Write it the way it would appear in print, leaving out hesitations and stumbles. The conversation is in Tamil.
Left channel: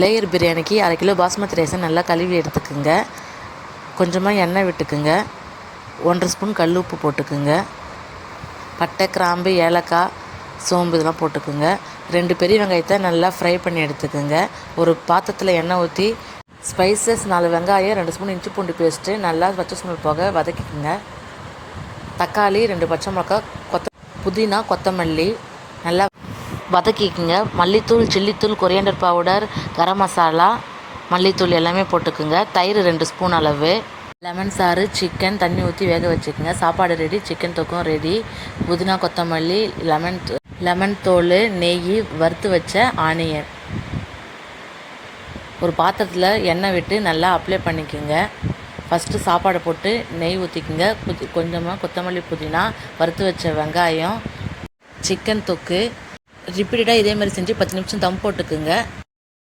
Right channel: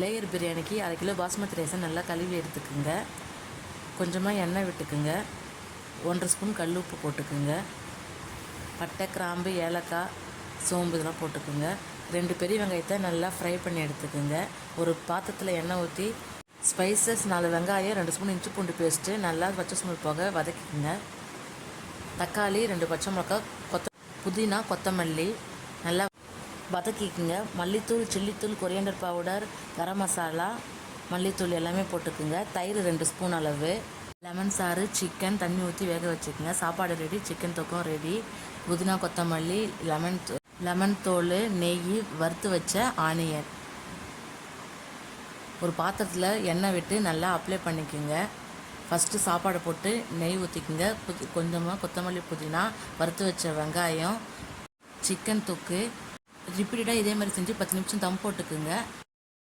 லேயர் பிரியாணிக்கு 1/2 கிலோ பாஸ்மதி ரைஸை நல்லா கழுவி எடுத்துக்குங்க. கொஞ்சமாக எண்ணெய் விட்டுக்குங்க. 1 ஸ்பூன் கல் உப்பு போட்டுக்குங்க. பட்டை, கிராம்பு, ஏலக்காய், சோம்பு இதெல்லாம் போட்டுக்குங்க. 2 பெரிய வெங்காயத்தை நல்லா ஃப்ரை பண்ணி எடுத்துக்குங்க. ஒரு பாத்திரத்தில் எண்ணெய் ஊற்றி ஸ்பைசஸ் 4 வெங்காயம், 2 ஸ்பூன் இஞ்சி பூண்டு பேஸ்ட்டு நல்லா பச்சை ஸ்மெல் போக வதக்கிக்குங்க. தக்காளி, 2 பச்சை மிளகாய், புதினா, கொத்தமல்லி நல்லா வதக்கிக்குங்க. மல்லித்தூள், சில்லித்தூள், கொரியாண்டர் பவுடர், கரம் மசாலா, மல்லித்தூள் எல்லாமே போட்டுக்குங்க. தயிர் 2 ஸ்பூன் அளவு, லெமன் சாறு, சிக்கன் தண்ணி ஊற்றி வேக வச்சுக்கோங்க. சாப்பாடு ரெடி, சிக்கன் தொக்கும் ரெடி. புதினா, கொத்தமல்லி, லெமன் தோல், நெய், வறுத்து வச்ச ஆனியன். ஒரு பாத்திரத்தில் எண்ணெய் விட்டு நல்லா அப்ளை பண்ணிக்கோங்க. ஃபஸ்ட்டு சாப்பாடை போட்டு நெய் ஊற்றிக்குங்க. கொஞ்சமாக கொத்தமல்லி, புதினா, வறுத்து வச்ச வெங்காயம், சிக்கன் தொக்கு ரிப்பீட்டடாக இதே மாதிரி செஞ்சு 10 நிமிஷம் தம் போட்டுக்குங்க.